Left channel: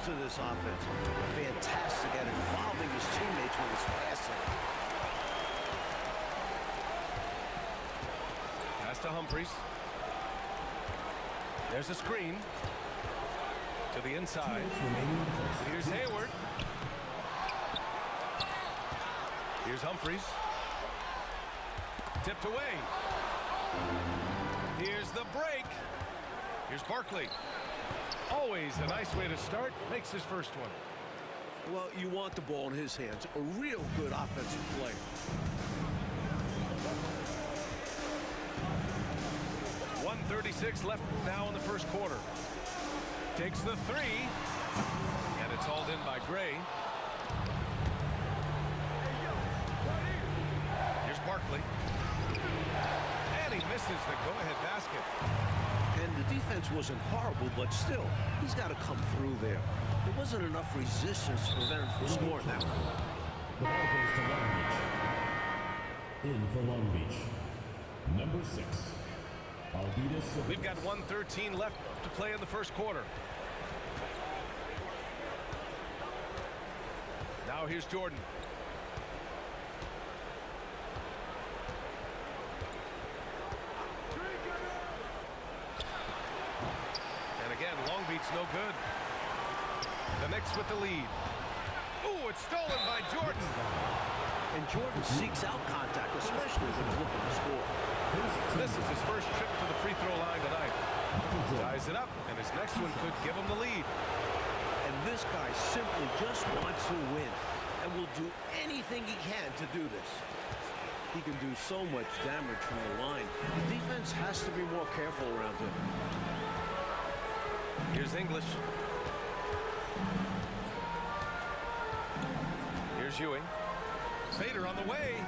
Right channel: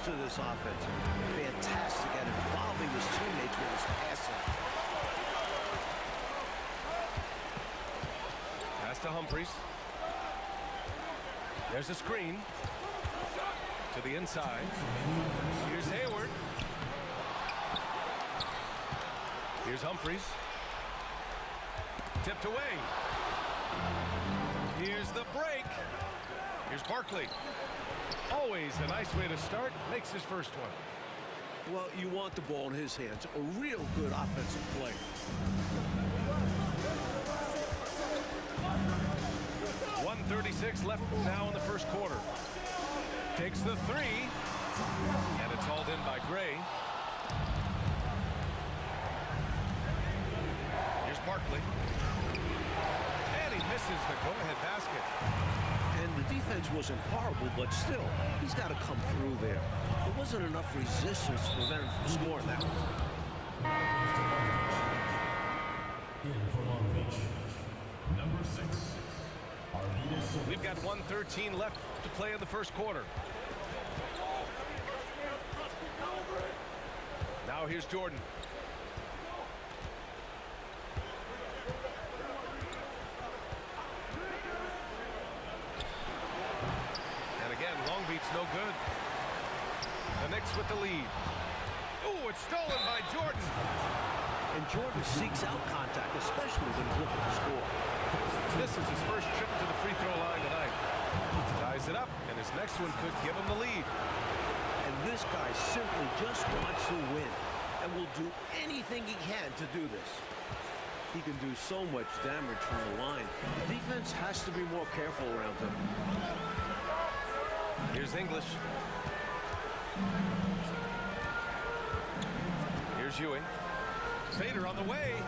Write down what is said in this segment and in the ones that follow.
used to this offense. Fantastic at involving his teammates with his passing. Pass to Humphries. There's a screen. To the inside. Here's Hayward. Here's Humphries. Tipped away. Here's the break. Here's Barkley. Always a nice way to start. Makes his first one. Well, you want the ball in his hands. A real good offensive player. .136 left now in the first quarter. Takes the three. And it's hauled in by Gray. Here's Barkley. And he misses the go-ahead basket. And the defense wasn't horrible, but still, he's got to come through there. There wasn't enough resistance to prevent him from scoring that one. In for Long Beach, number 6. We've got 1:13 left to play in the first quarter. Now here's Jordan. And again, Long Beach no good. The Knicks with the lead. Ooh, it's stolen by Jordan. And Jordan seeks out contact, especially when he's looking to score. This is his first trip to the free throw line tonight. Ties it up, and his next one could give him the lead. And this guy simply just wants to win and will do anything he can to do this. He can do so much damage from the line. The defense has to be more careful around him. Here's English. Here's Ewing. Fader on the way.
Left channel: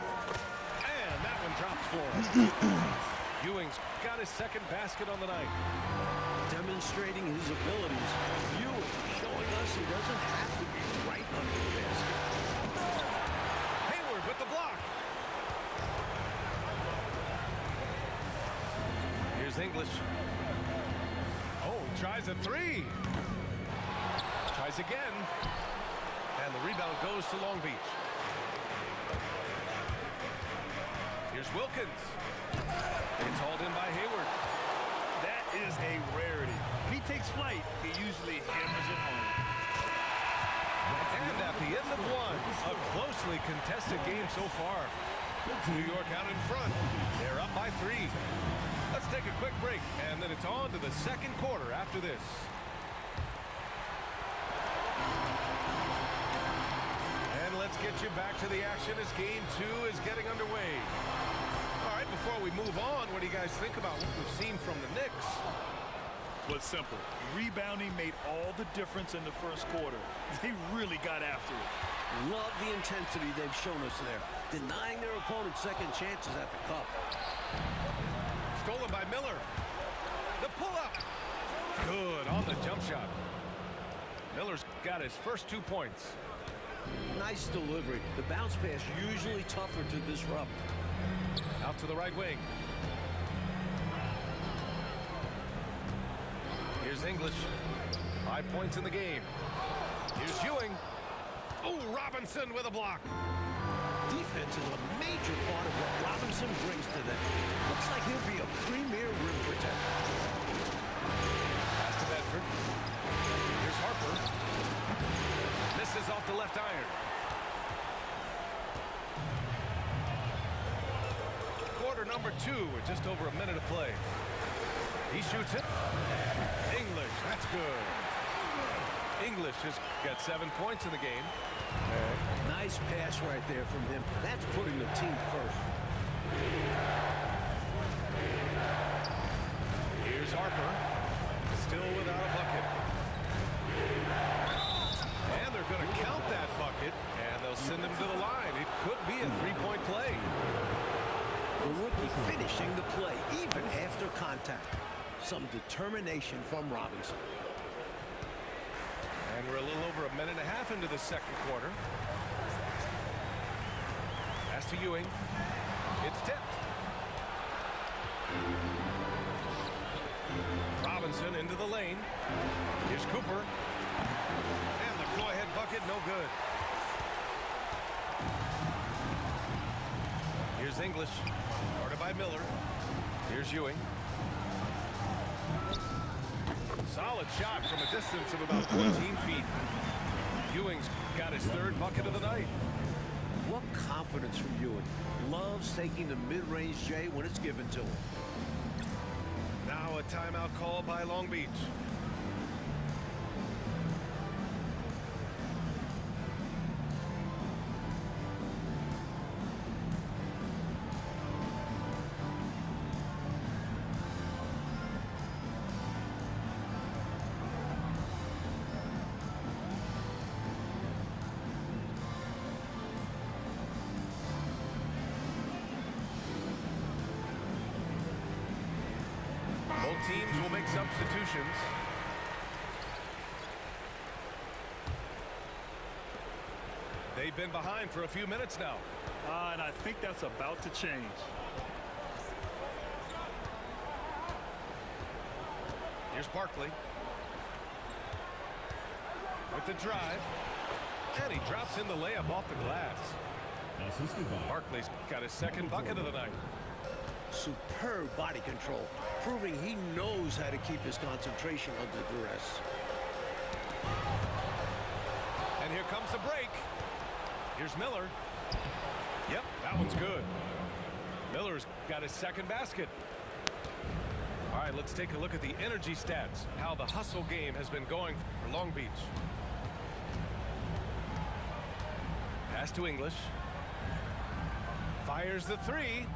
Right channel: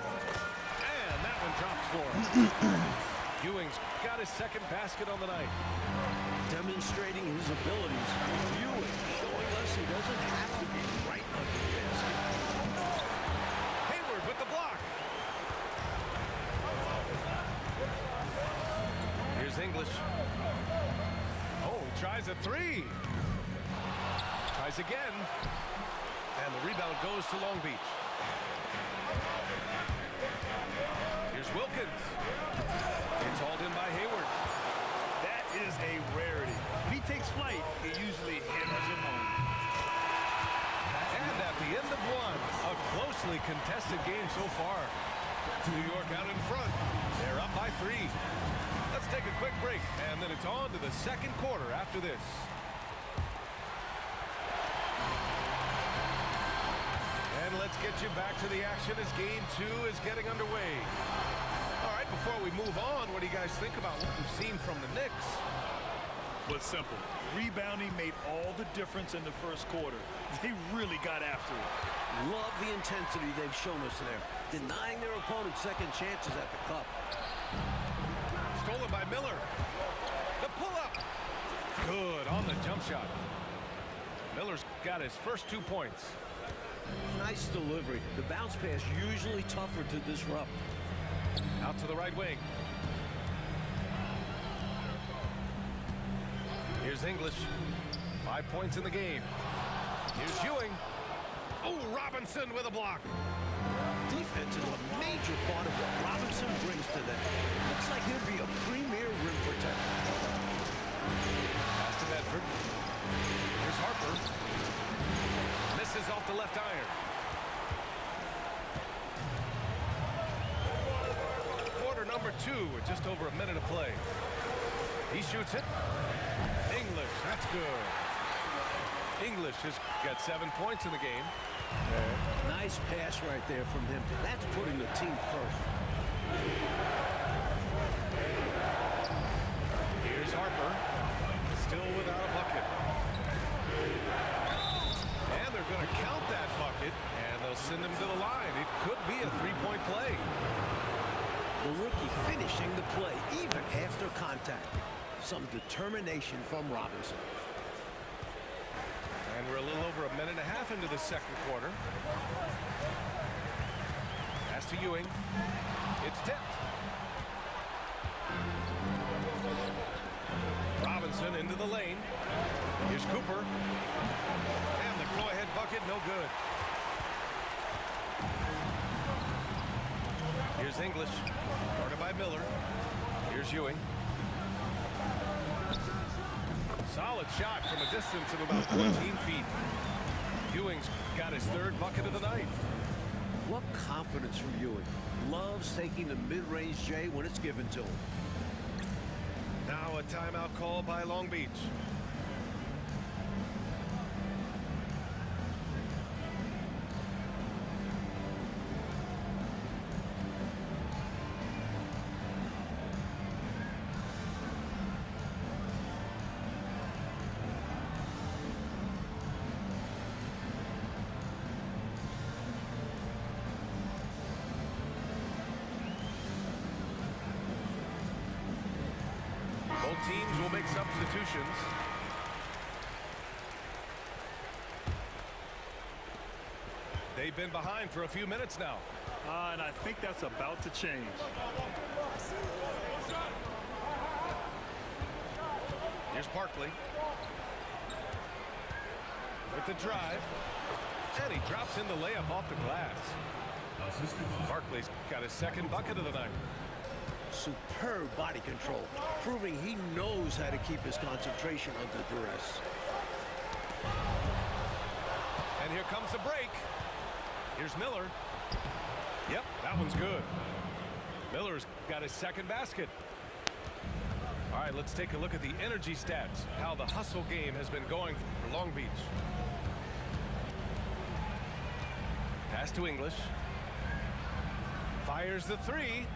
And that one drops for him. Ewing's got his second basket on the night. Demonstrating his abilities, Ewing showing us he doesn't have to be right under the basket. Hayward with the block. Here's English. Oh, he tries a three. Tries again. And the rebound goes to Long Beach. Here's Wilkins. It's hauled in by Hayward. That is a rarity. When he takes flight, he usually hammers it home. And at the end of one, a closely contested game so far. New York out in front. They're up by 3. Let's take a quick break, and then it's on to the second quarter after this. And let's get you back to the action as game 2 is getting underway. All right, before we move on, what do you guys think about what we've seen from the Knicks? Well, it's simple. Rebounding made all the difference in the first quarter. They really got after it. Love the intensity they've shown us there, denying their opponents second chances at the cup. Stolen by Miller. The pull-up. Good on the jump shot. Miller's got his first 2 points. Nice delivery. The bounce pass usually tougher to disrupt. Out to the right wing. Here's English. 5 points in the game. Here's Ewing. Oh, Robinson with a block. Defense is a major part of what Robinson brings to them. Looks like he'll be a premier rim protector. Pass to Bedford. Here's Harper. Misses off the left iron. Quarter number 2 with just over a minute of play. He shoots it. English, that's good. English has got 7 points in the game. Nice pass right there from him. That's putting the team first. Here's Harper. Still without a bucket. And they're going to count that bucket, and they'll send him to the line. It could be a 3-point play. The rookie finishing the play even after contact. Some determination from Robinson. And we're a little over a minute and a half into the second quarter. Pass to Ewing. It's tipped. Robinson into the lane. Here's Cooper. it, no good. Here's English, guarded by Miller. Here's Ewing. Solid shot from a distance of about 14 feet. Ewing's got his third bucket of the night. What confidence from Ewing. Loves taking the mid-range J when it's given to him. Now a timeout call by Long Beach. Both teams will make substitutions. They've been behind for a few minutes now. And I think that's about to change. Here's Barkley. With the drive. And he drops in the layup off the glass. Assisted by Barkley's got his second bucket of the night. Superb body control, proving he knows how to keep his concentration under duress. And here comes the break. Here's Miller. Yep, that one's good. Miller's got his second basket. All right, let's take a look at the energy stats, how the hustle game has been going for Long Beach. Pass to English. Fires the three.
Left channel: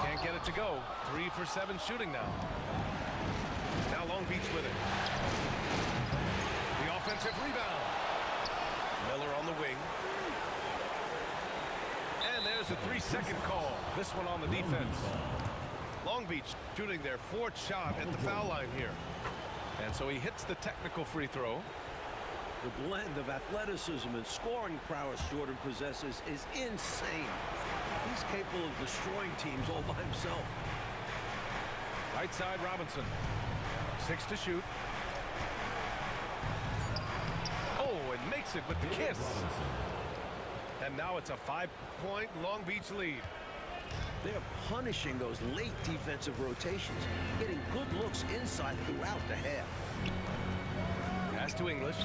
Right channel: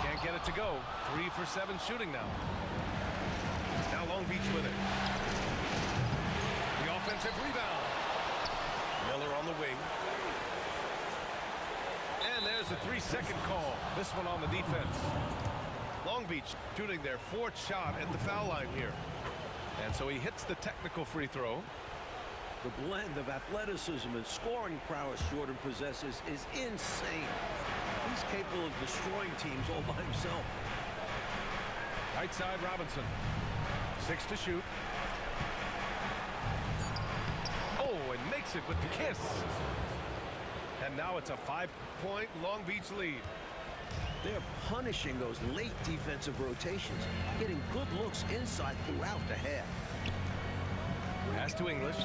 Can't get it to go. 3 for 7 shooting now. Now Long Beach with it. The offensive rebound. Miller on the wing. And there's a 3-second call. This one on the defense. Long Beach shooting their 4th shot at the foul line here. And so he hits the technical free throw. The blend of athleticism and scoring prowess Jordan possesses is insane. He's capable of destroying teams all by himself. Right side Robinson. 6 to shoot. Oh, and makes it with the kiss. And now it's a 5-point Long Beach lead. They're punishing those late defensive rotations, getting good looks inside throughout the half. Pass to English.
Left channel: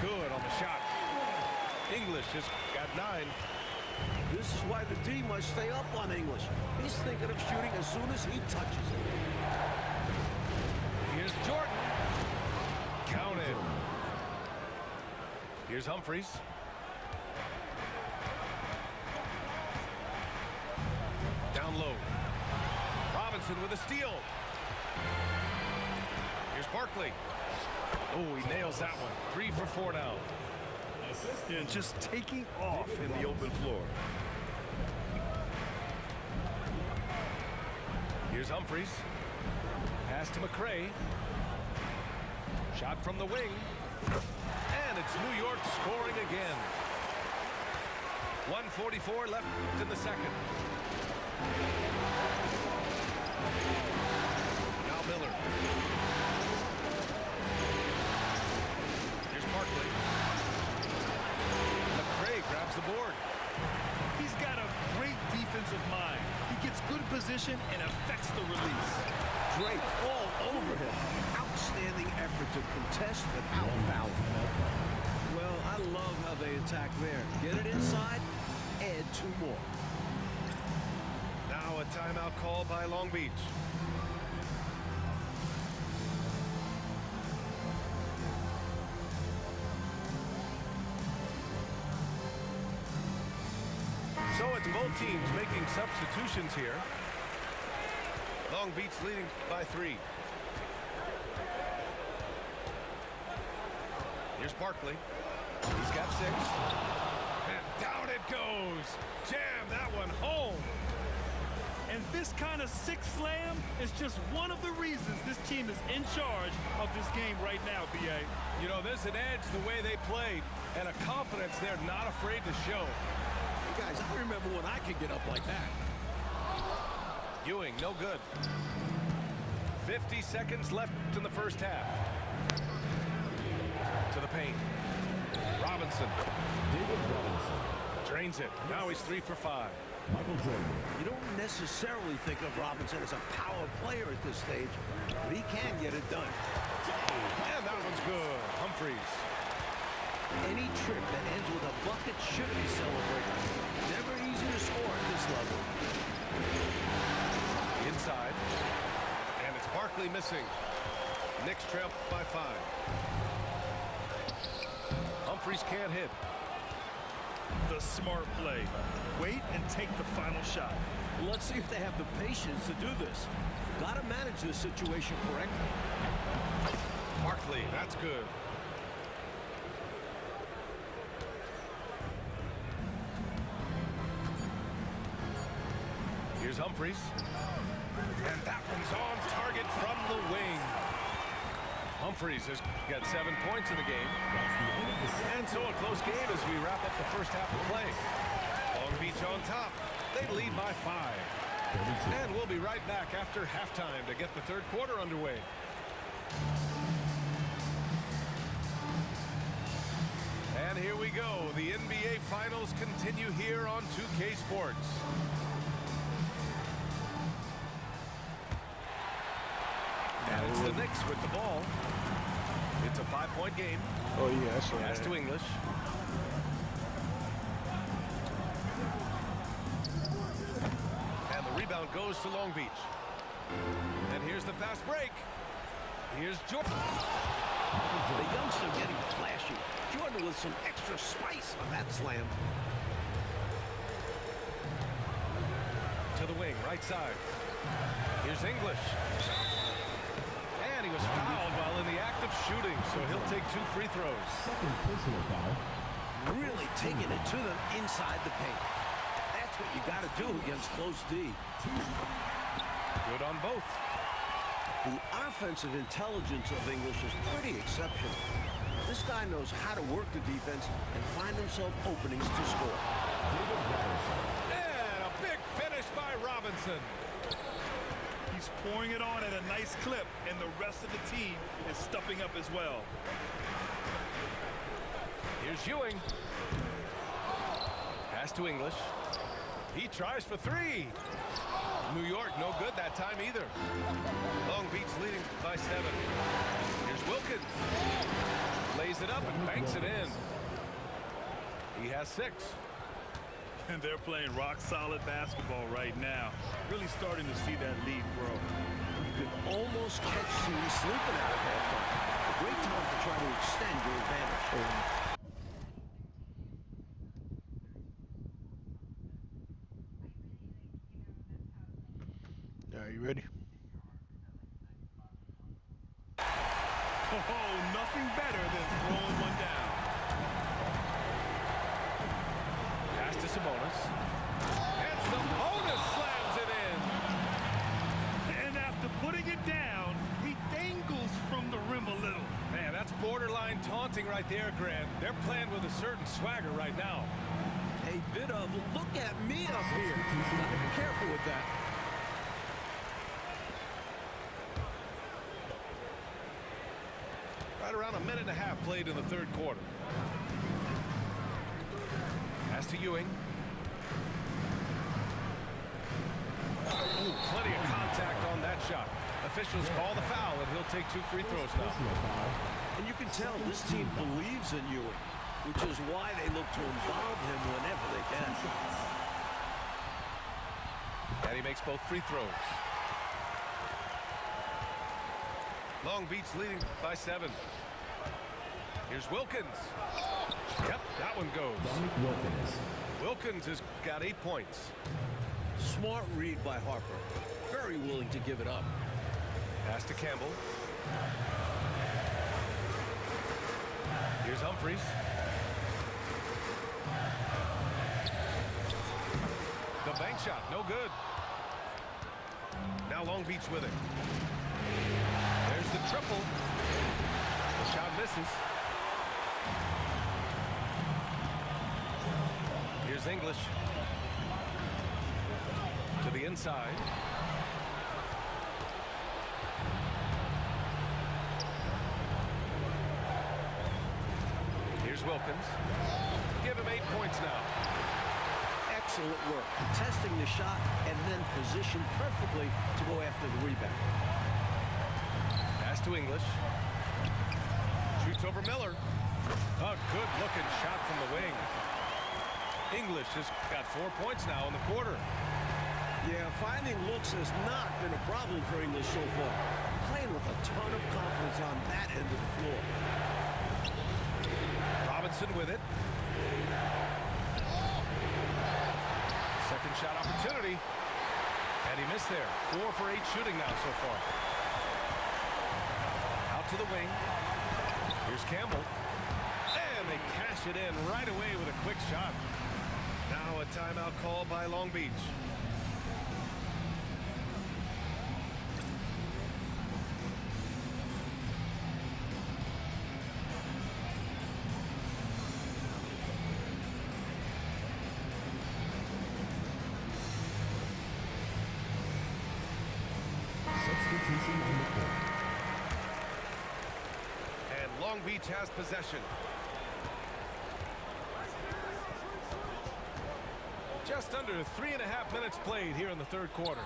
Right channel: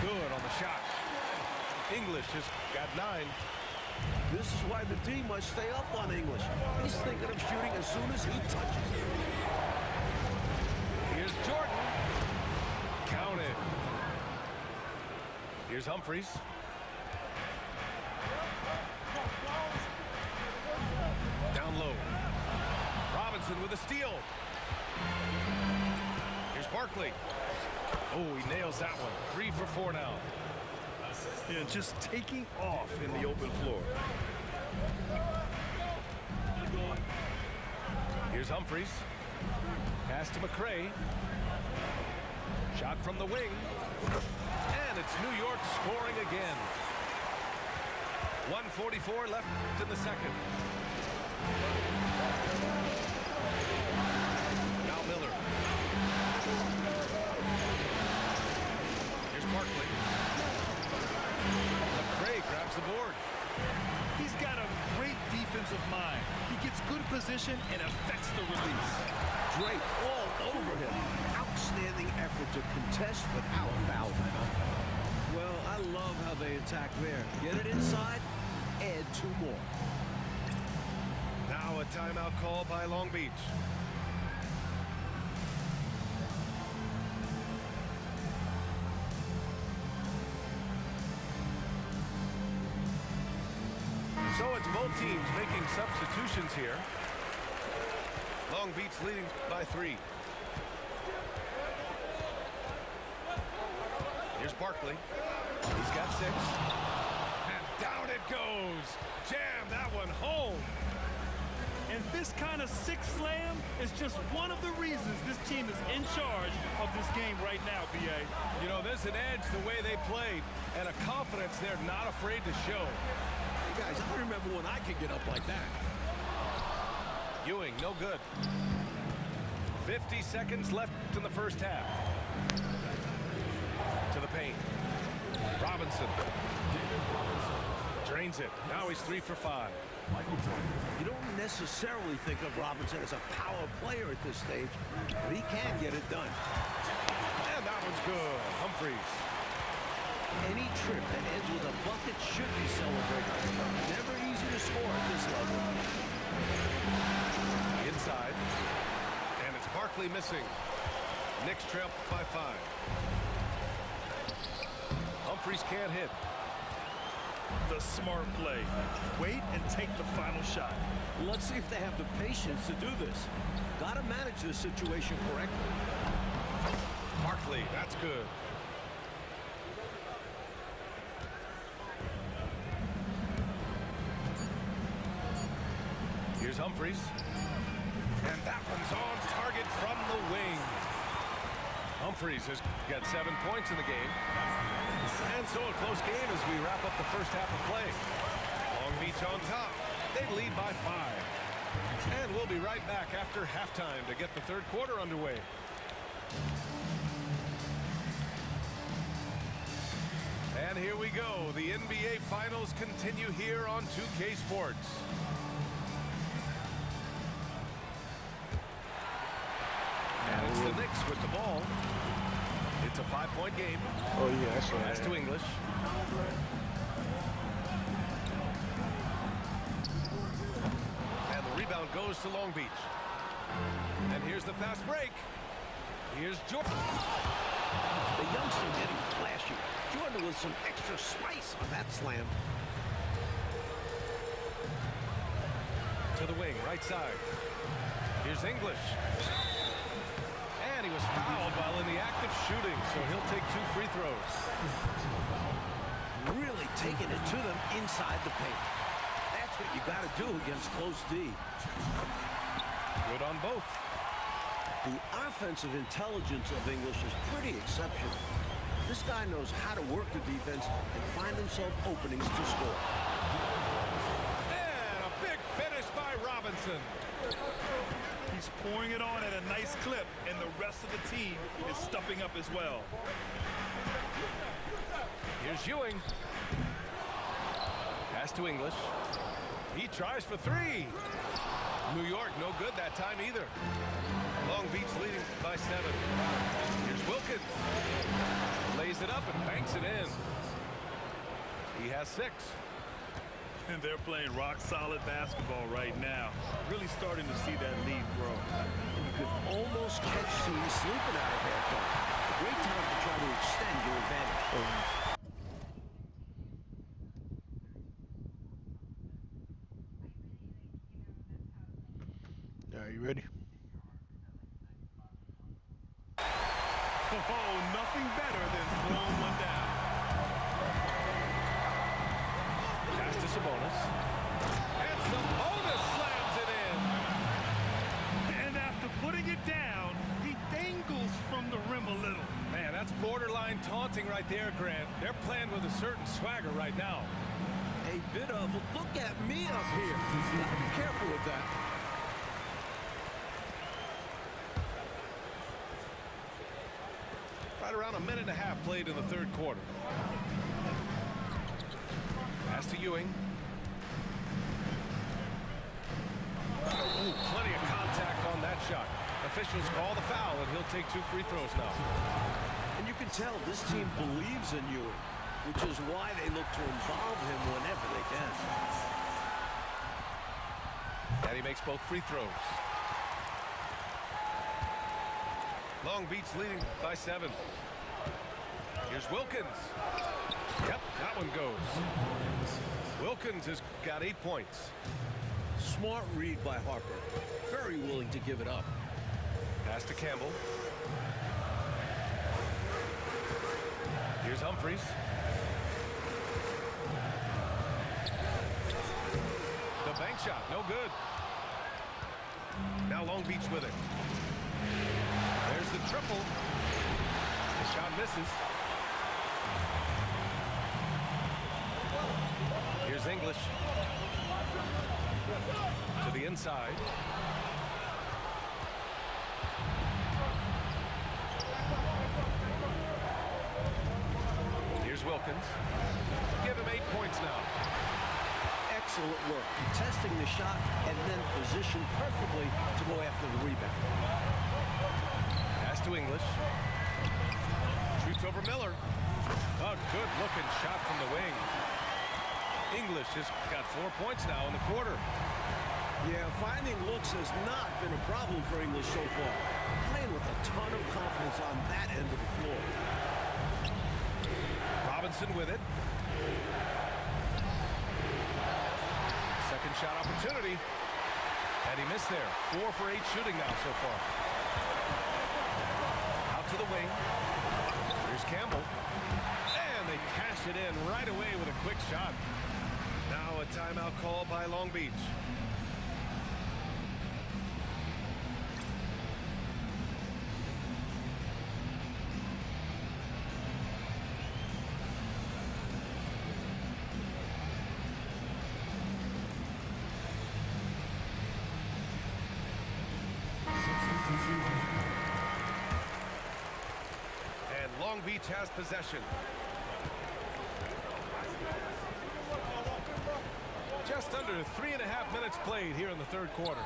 Good on the shot. English has got 9. This is why the D must stay up on English. He's thinking of shooting as soon as he touches it. Here's Jordan. Counted. Here's Humphries. Down low. Robinson with a steal. Here's Barkley. Oh, he nails that one. 3 for 4 now. Yeah, just taking off in the open floor. Here's Humphries. Pass to McCray. Shot from the wing. And it's New York scoring again. 1:44 left in the second. Now Miller. Here's Barkley. McCray grabs the board. He's got a great defensive mind. He gets good position and affects the release. Drake all over him. Outstanding effort to contest without fouling. Well, I love how they attack there. Get it inside, add 2 more. Now a timeout call by Long Beach. So it's both teams making substitutions here. Long Beach leading by 3. Here's Barkley. He's got 6. And down it goes. Jam that one home. And this kind of 6 slam is just one of the reasons this team is in charge of this game right now, B.A. You know, there's an edge the way they played and a confidence they're not afraid to show. Hey, guys, I remember when I could get up like that. Ewing, no good. 50 seconds left in the first half. To the paint. Robinson David Robinson. drains it. Now he's 3 for 5. Michael Jordan. You don't necessarily think of Robinson as a power player at this stage, but he can get it done. And that one's good. Humphries. Any trip that ends with a bucket should be celebrated. Never easy to score at this level. Inside. And it's Barkley missing. Knicks trail by 5. Humphries can't hit. The smart play. Wait and take the final shot. Let's see if they have the patience to do this. Got to manage this situation correctly. Barkley, that's good. Here's Humphries. And that one's on target from the wing. Humphries has got 7 points in the game. And so a close game as we wrap up the first half of play. Long Beach on top. They lead by 5. And we'll be right back after halftime to get the third quarter underway. And here we go. The NBA Finals continue here on 2K Sports. And it's the Knicks with the ball. It's a 5-point game. Oh, yeah, I saw Pass that. to English. And the rebound goes to Long Beach. And here's the fast break. Here's Jordan. The youngster getting flashy. Jordan with some extra spice on that slam. To the wing, right side. Here's English. And he was fouled while in the act of shooting, so he'll take 2 free throws. Second personal foul. Really taking it to them inside the paint. That's what you got to do against close D. Good on both. The offensive intelligence of English is pretty exceptional. This guy knows how to work the defense and find himself openings to score. And a big finish by Robinson. He's pouring it on at a nice clip, and the rest of the team is stepping up as well. Here's Ewing. Pass to English. He tries for 3. New York, no good that time either. Long Beach leading by 7. Here's Wilkins. Lays it up and banks it in. He has 6. And they're playing rock-solid basketball right now. Really starting to see that lead grow. And you could almost catch teams sleeping out of halftime. A great time to try to extend your advantage. Are you ready? Oh, nothing better than throwing one down. Pass to Sabonis. And Sabonis slams it in. And after putting it down, he dangles from the rim a little. Man, that's borderline taunting right there, Grant. They're playing with a certain swagger right now. A bit of look at me up here. Got to be careful with that. Right around a minute and a half played in the third quarter. Pass to Ewing. Ooh, plenty of contact on that shot. Officials call the foul, and he'll take 2 free throws now. And you can tell this team believes in Ewing, which is why they look to involve him whenever they can. And he makes both free throws. Long Beach leading by 7. Here's Wilkins. Yep, that one goes. Wilkins has got 8 points. Smart read by Harper. Very willing to give it up. Pass to Campbell. Here's Humphries. The bank shot, no good. Now Long Beach with it. There's the triple. The shot misses. Here's English. To the inside. Here's Here's Wilkins. Give him 8 points now. Excellent work, contesting the shot and then positioned perfectly to go after the rebound. Pass to English. Shoots over Miller. A good-looking shot from the wing. English has got 4 points now in the quarter. Yeah, finding looks has not been a problem for English so far. Playing with a ton of confidence on that end of the floor. Robinson with it. Second shot opportunity. And he missed there. 4 for 8 shooting now so far. Out to the wing. Here's Campbell. And they cash it in right away with a quick shot. Now a timeout call by Long Beach. Substitution on the court. And Long Beach has possession. Just under 3.5 minutes played here in the third quarter.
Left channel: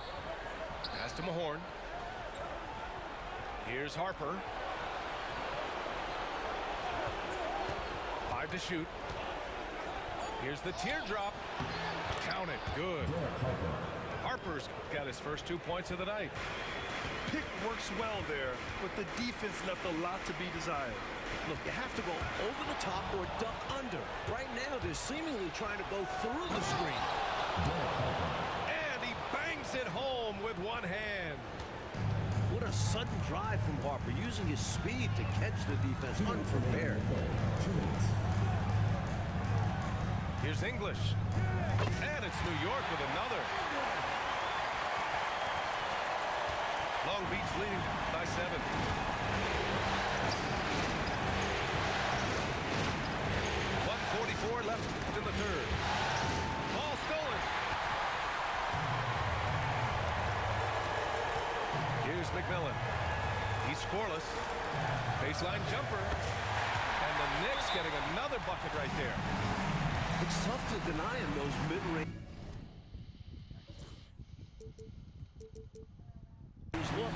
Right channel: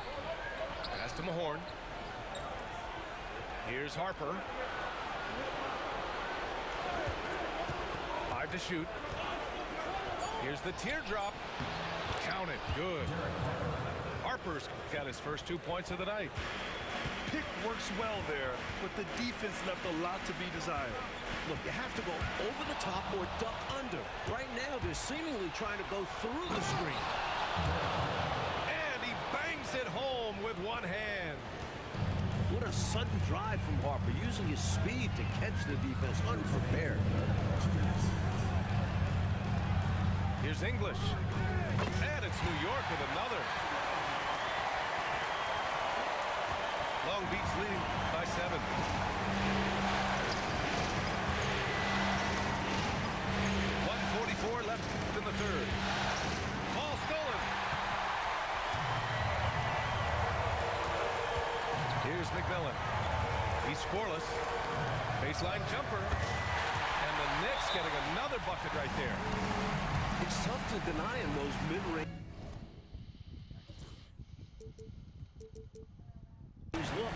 Pass to Mahorn. Here's Harper. 5 to shoot. Here's the teardrop. Count it. Good. Harper's got his first 2 points of the night. Pick works well there, but the defense left a lot to be desired. Look, you have to go over the top or duck under. Right now, they're seemingly trying to go through the screen. And he bangs it home with one hand. What a sudden drive from Harper, using his speed to catch the defense unprepared. 2 minutes. Here's English. And it's New York with another. Long Beach leading by 7. .144 left in the third. Ball stolen. Here's McMillan. He's scoreless. Baseline jumper. And the Knicks getting another bucket right there. It's tough to deny him those mid-range. Look,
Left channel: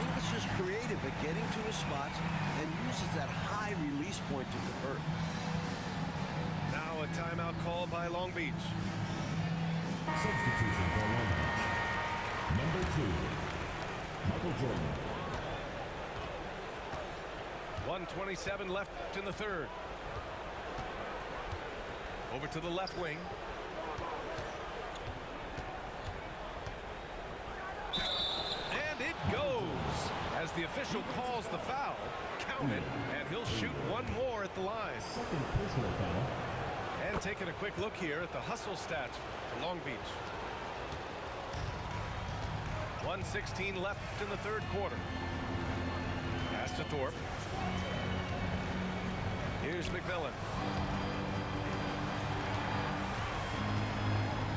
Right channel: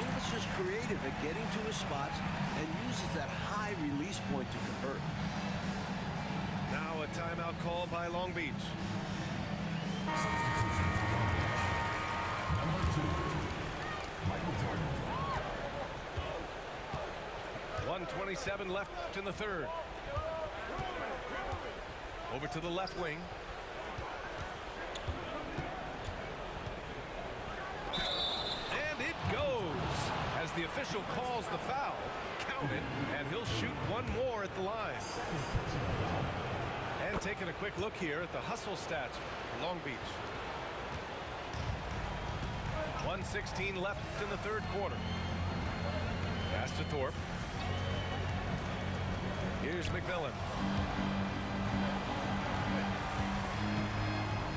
English is creative at getting to his spots and uses that high release point to convert. Now a timeout called by Long Beach. Substitution for Long Beach. Number 2, Michael Jordan. 1:27 left in the third. Over to the left wing. And it goes as the official calls the foul. Count it, and he'll shoot one more at the line. Second personal foul. And taking a quick look here at the hustle stats for Long Beach. 1:16 left in the third quarter. Pass to Thorpe. Here's McMillan.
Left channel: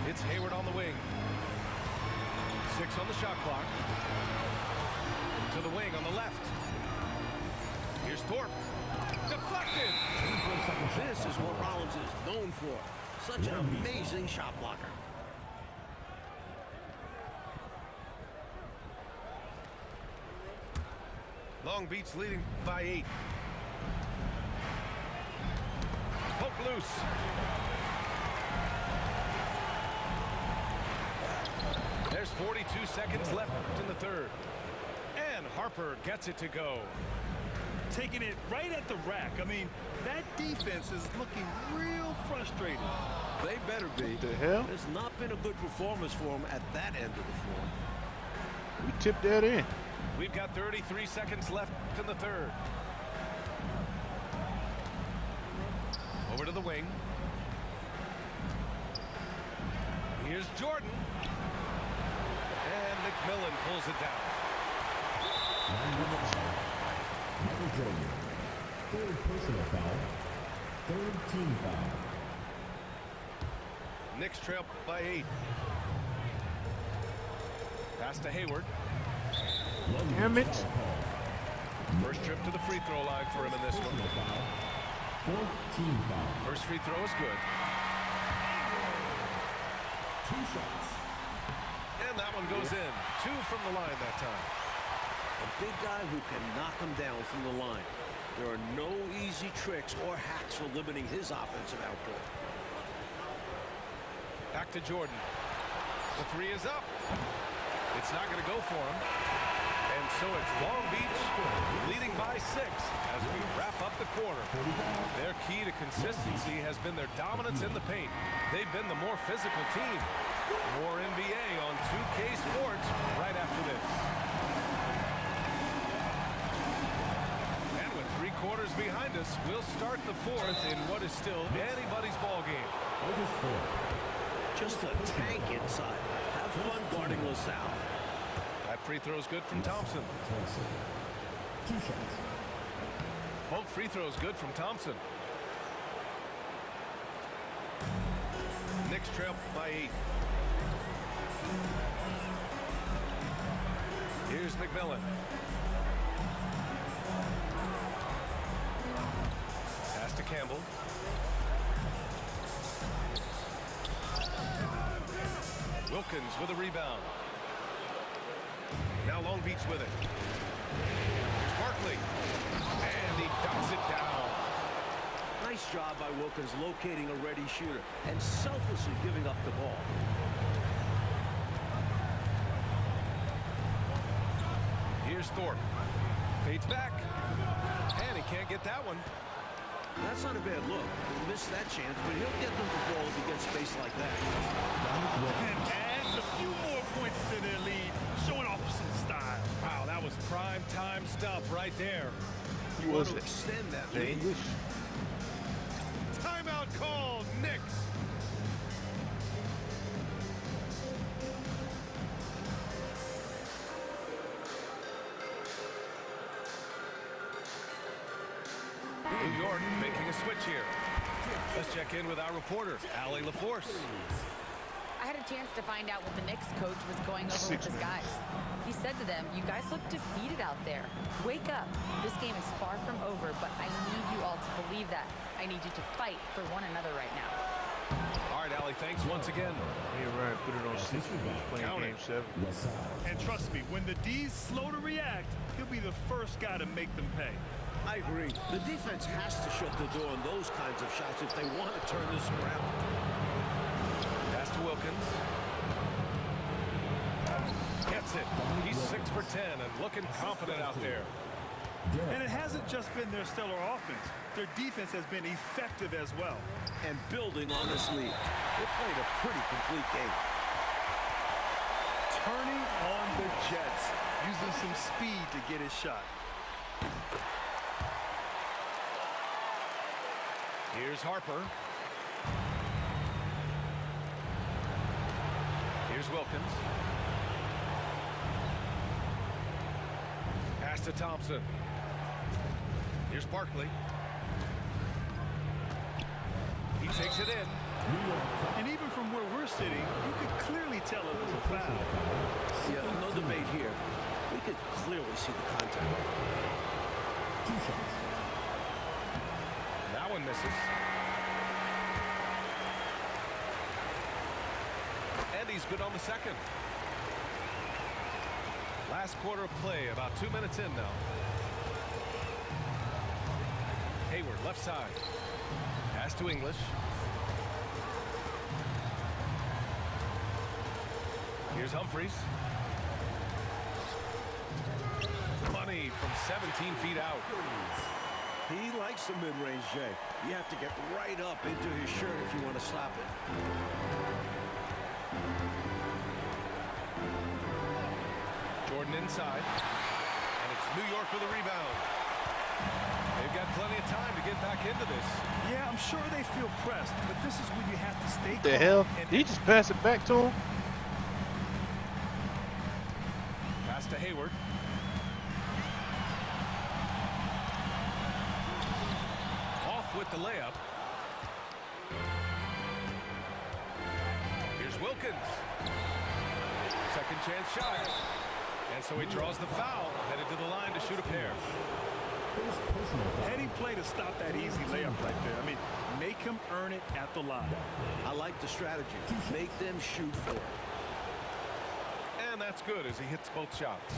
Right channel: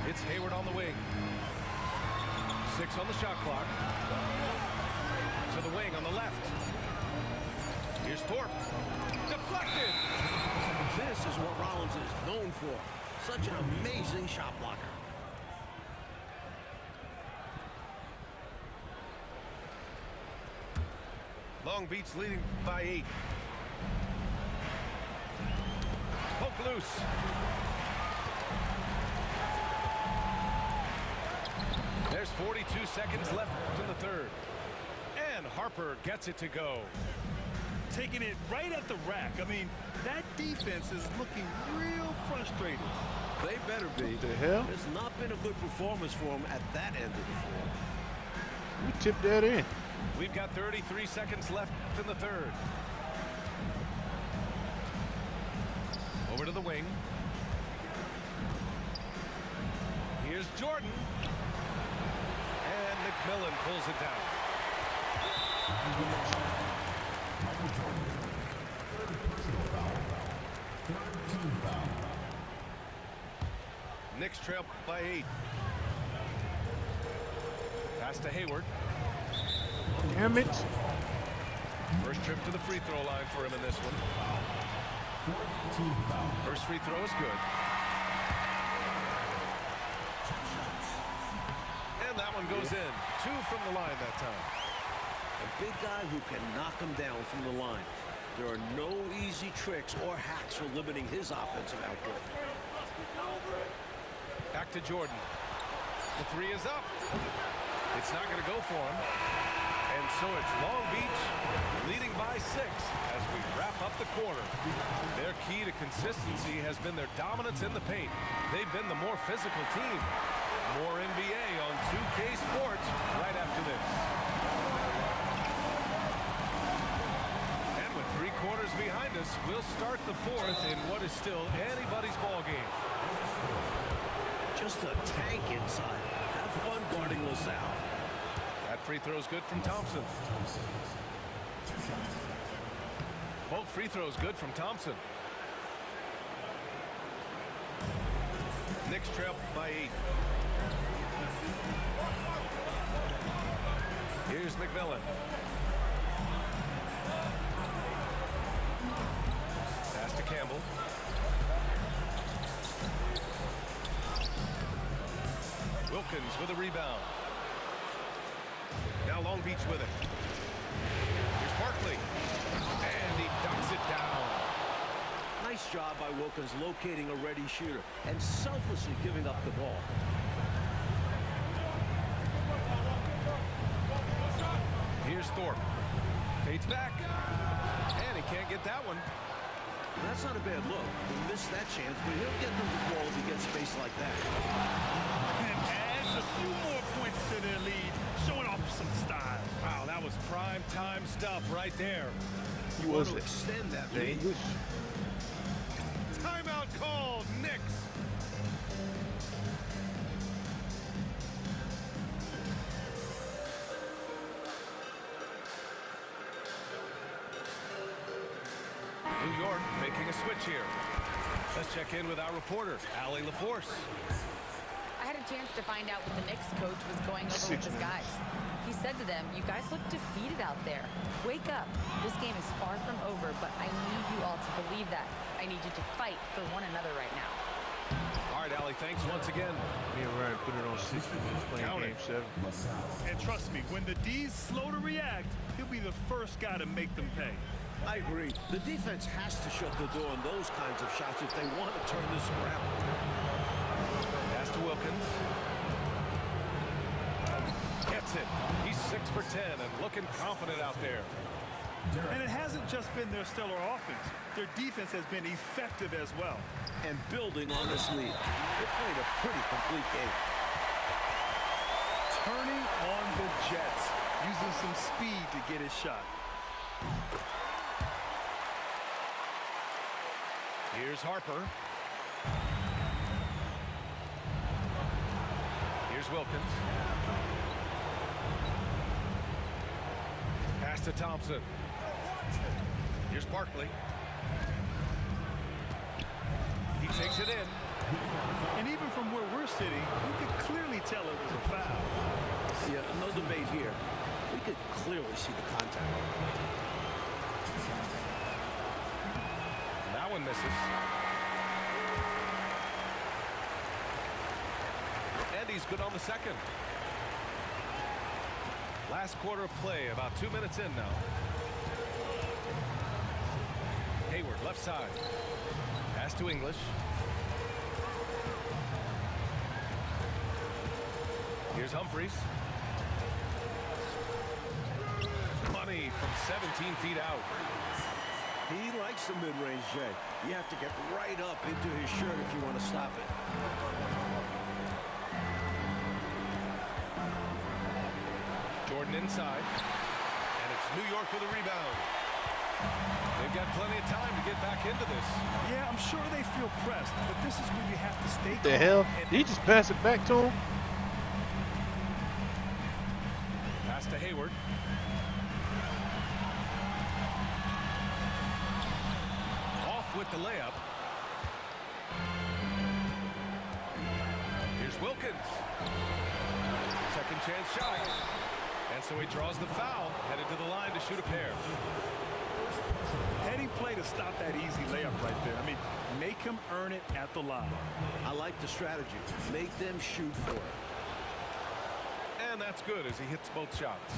It's Hayward on the wing. 6 on the shot clock. To the wing on the left. Here's Thorpe. Deflected. This is what Rollins is known for. Such an amazing shot blocker. Long Beach leading by 8. Poke loose. There's 42 seconds left in the third. And Harper gets it to go. Taking it right at the rack. I mean, that defense is looking real frustrated. They better be. What the hell? It's not been a good performance for him at that end of the floor. We tipped that in. We've got 33 seconds left in the third. Over to the wing. Here's Jordan. And McMillan pulls it down. Michael Jordan. Third personal foul. Third team foul. Knicks trail by 8. Pass to Hayward. Damn it. First trip to the free throw line for him in this one. Fourth team foul. First free throw is good. 2 shots. And that one goes in. 2 from the line that time. A big guy who can knock him down from the line. There are no easy tricks or hacks for limiting his offensive output. Back to Jordan. The 3 is up. It's not going to go for him. And so it's Long Beach leading by 6 as we wrap up the quarter. Their key to consistency has been their dominance in the paint. They've been the more physical team. More NBA on 2K Sports right after this. And with 3 quarters behind us, we'll start the 4th in what is still anybody's ball game. Just a tank inside. Have fun guarding LaSalle. That free throw is good from Thompson. 2 shots. Both free throws good from Thompson. Knicks trail by 8. Here's McMillan. Pass to Campbell. Wilkins with a rebound. Now Long Beach with it. Here's Barkley. And he dunks it down. Nice job by Wilkins locating a ready shooter and selflessly giving up the ball. Here's Thorpe. Fades back. And he can't get that one. That's not a bad look. He missed that chance, but he'll get them to fall if he gets space like that. And adds a few more points to their lead, showing off some style. Wow, that was prime time stuff right there. You want to extend that lead. English. Timeout called, Knicks. New York making a switch here. Let's check in with our reporter, Allie LaForce. I had a chance to find out what the Knicks coach was going over 6 with his minutes. guys. He said to them, "You guys look defeated out there. Wake up. This game is far from over, but I need you all to believe that. I need you to fight for one another right now." All right, Allie, thanks once again. Me and Ryan put it on 6 minutes playing Count game it. 7. And trust me, when the D's slow to react, he'll be the first guy to make them pay. I agree. The defense has to shut the door on those kinds of shots if they want to turn this around. Pass to Wilkins. Gets it. He's 6 for 10 and looking confident out there. And it hasn't just been their stellar offense. Their defense has been effective as well. And building on this lead. They played a pretty complete game. Turning on the Jets, using some speed to get his shot. Here's Harper. Here's Wilkins. Pass to Thompson. Here's Barkley. He takes it in. And even from where we're sitting, you could clearly tell it was a foul. Yeah, no debate here. We could clearly see the contact. 2 shots. That one misses. And he's good on the second. Last quarter of play, about 2 minutes in now. Hayward, left side. Pass to English. Here's Humphries. Money from 17 feet out. He likes the mid-range, Jay. You have to get right up into his shirt if you want to stop it. Jordan inside. And it's New York with a rebound. They've got plenty of time to get back into this. Yeah, I'm sure they feel pressed, but this is when you have to stay calm. The hell? And Did he just pass it back to him? Pass to Hayward. Off with the layup. Here's Wilkins. Second chance shot. And so he draws the foul, headed to the line to shoot a pair. heady play to stop that easy layup right there. Make him earn it at the line. I like the strategy. Make them shoot for it. And that's good as he hits both shots.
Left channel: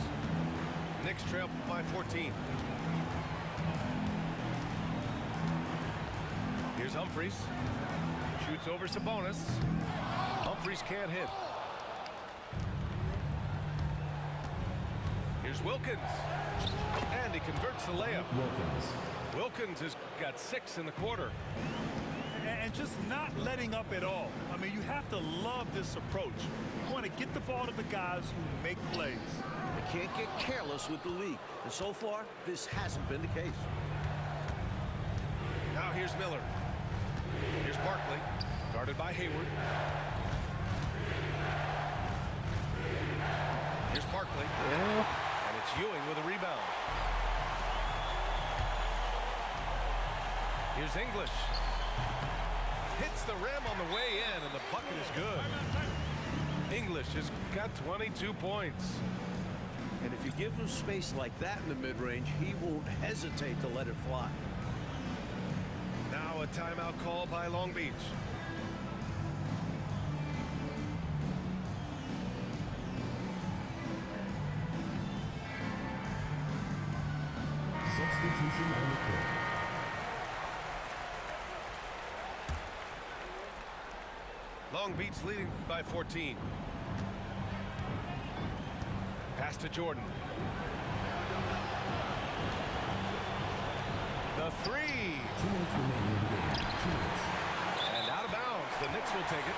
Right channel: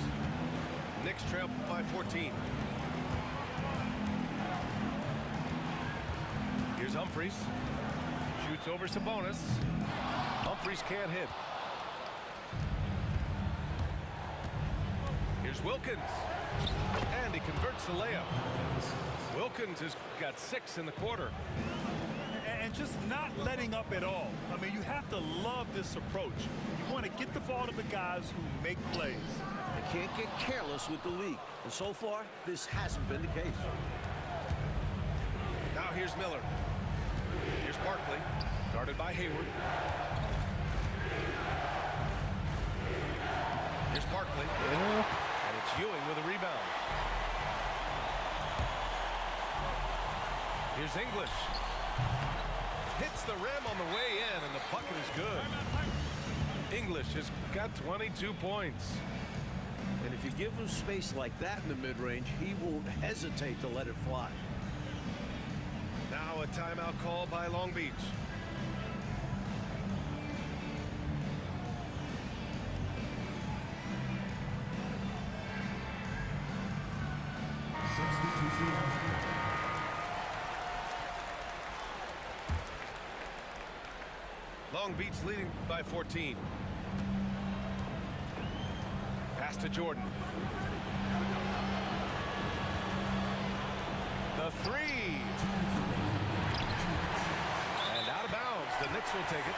Knicks trail by 14. Here's Humphries. Shoots over Sabonis. Humphries can't hit. Here's Wilkins. And he converts the layup. Wilkins has got 6 in the quarter. And just not letting up at all. I mean, you have to love this approach. You want to get the ball to the guys who make plays. They can't get careless with the league. And so far, this hasn't been the case. Now here's Miller. Here's Barkley, guarded by Hayward. Here's Barkley. Yeah. And it's Ewing with a rebound. Here's English. Hits the rim on the way in, and the bucket is good. English has got 22 points. And if you give him space like that in the mid-range, he won't hesitate to let it fly. Now a timeout call by Long Beach. Substitution on the court. Long Beach leading by 14. Pass to Jordan. The 3. And out of bounds. The Knicks will take it.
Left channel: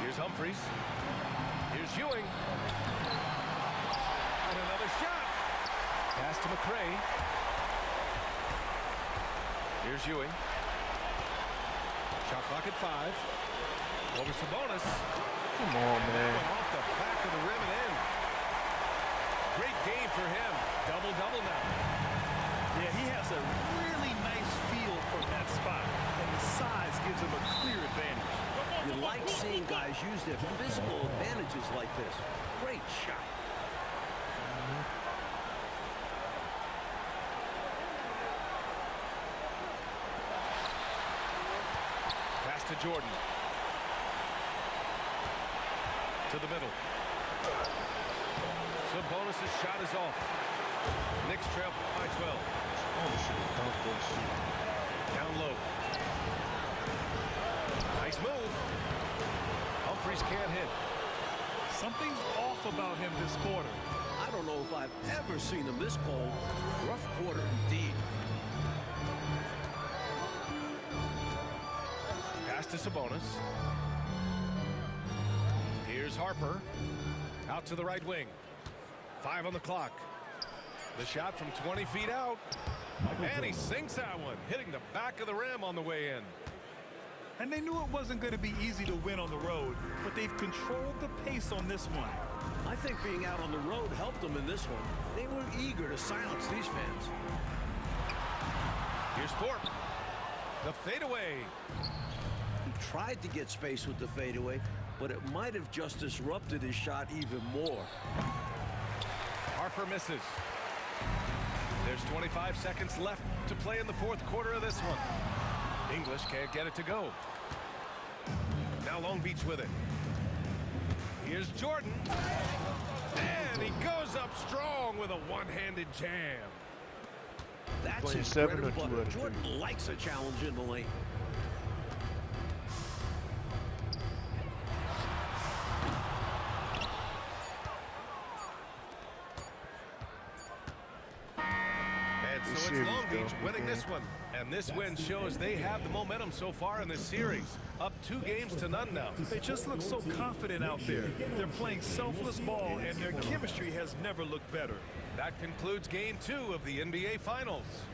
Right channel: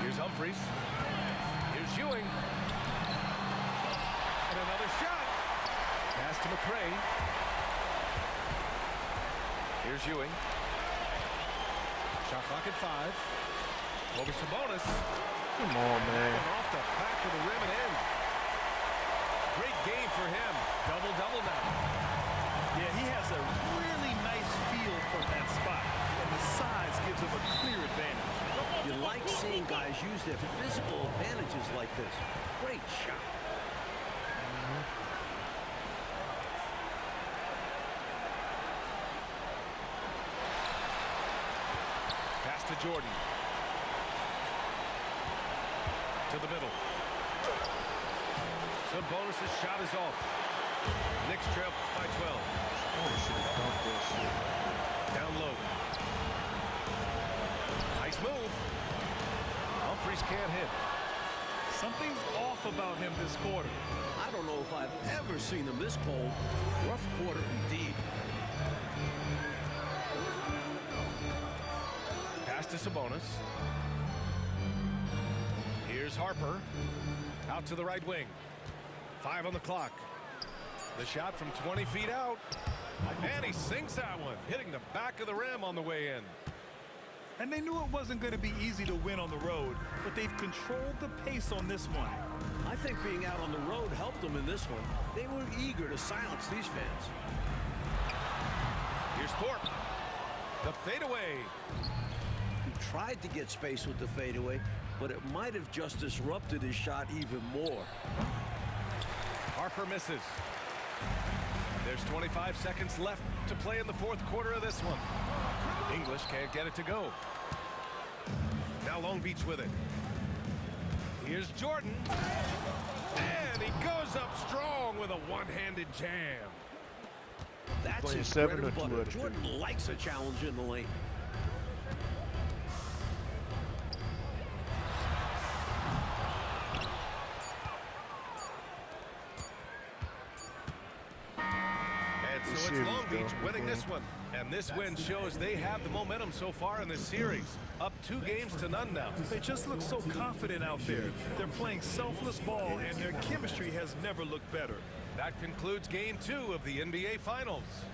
Here's Humphries. Here's Ewing. And another shot. Pass to McRae. Here's Ewing. Shot clock at 5. Over Sabonis. Come on, And man. that one off the back of the rim and in. Great game for him. Double-double now. Yeah, he has a really nice feel from that spot, and the size gives him a clear advantage. You like seeing guys use their physical advantages like this. Great shot. Pass to Jordan. To the middle. Sabonis' shot is off. Knicks trail by 12. Oh, should have dunked that shit. Down low. Nice move. Humphries can't hit. Something's off about him this quarter. I don't know if I've ever seen him this cold. Rough quarter indeed. Pass to Sabonis. Here's Harper. Out to the right wing. 5 on the clock. The shot from 20 feet out. And he sinks that one, hitting the back of the rim on the way in. And they knew it wasn't going to be easy to win on the road, but they've controlled the pace on this one. I think being out on the road helped them in this one. They were eager to silence these fans. Here's Thorpe. The fadeaway. He tried to get space with the fadeaway, but it might have just disrupted his shot even more. Harper misses. There's 25 seconds left to play in the fourth quarter of this one. English can't get it to go. Now Long Beach with it. Here's Jordan. And he goes up strong with a one-handed jam. That's Playing his 7 bread and or 2 butter. out of 3. Jordan likes a challenge in the lane. And so it's Long Beach winning this one. And this win shows they have the momentum so far in this series. Up 2 games to none now. They just look so confident out there. They're playing selfless ball, and their chemistry has never looked better. That concludes game 2 of the NBA Finals.